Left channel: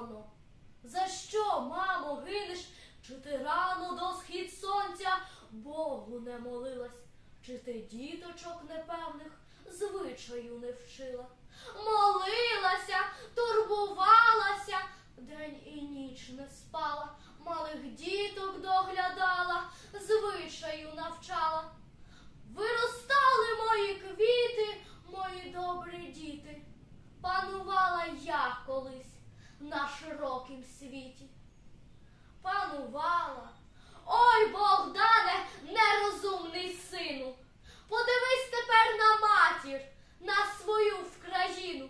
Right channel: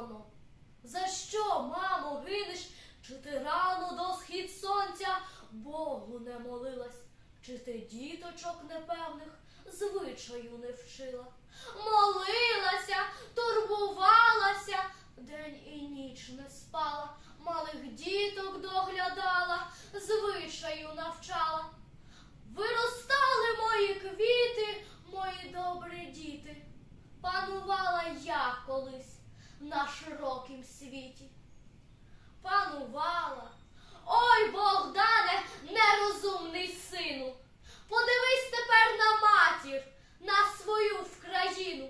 воно? За що, мамо, гинеш? Чи ти рано до схід сонця Богу не молилась? Чи ти діточок непевних звичаю не вчила? Молилася, турбувалася, день і ніч не спала, малих діток доглядала, звичаю навчала. Виростали мої квіти, мої добрі діти. Панувала я колись на широкім світі. Панувала. Ой, Богдане, нерозумний сину. Подивись тепер на матір, на свою в країну,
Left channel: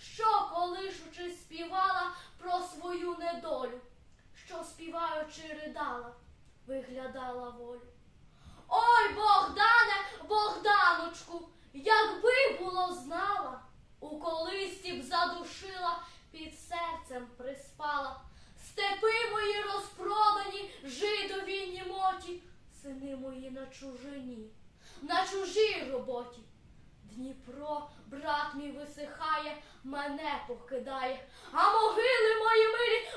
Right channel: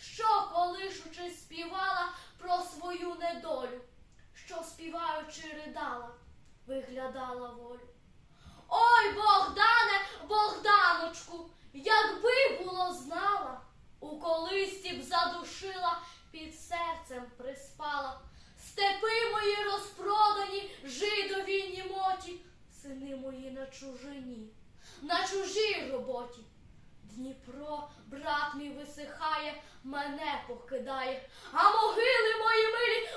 що колишучи співала про свою недолю, що співаючи ридала, виглядала волю. Ой, Богдане, Богданочку, якби було знала, у колисті б задушила, серцем приспала. Степи мої розпродані, жидові німоті, сини мої на чужині, на чужій роботі. Дніпро, брат мій висихає, мене покидає, а могили мої милі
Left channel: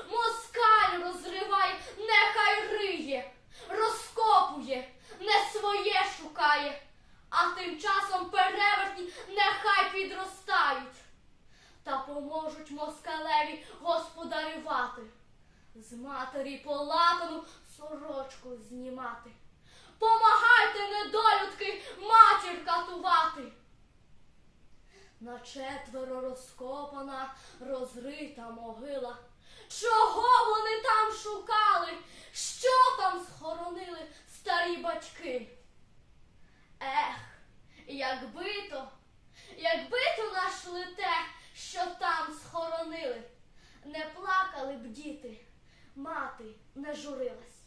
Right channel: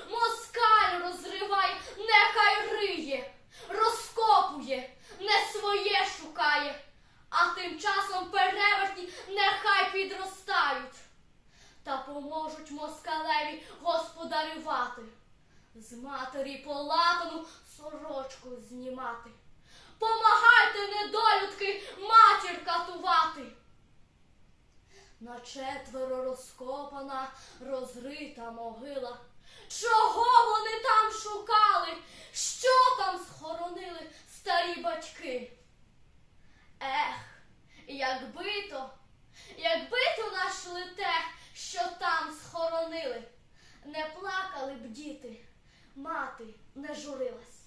поможуть москалеві господарювати, з матері полатану сорочку знімати. Помагайте, недолюдки, матір катувати. На четверо розкопана, розрита могила. Чого вони там шукали? Що там схоронили старі батьки? Ех, якби то, якби то нашли те, що там схоронили, не плакали б діти, мати не журилась.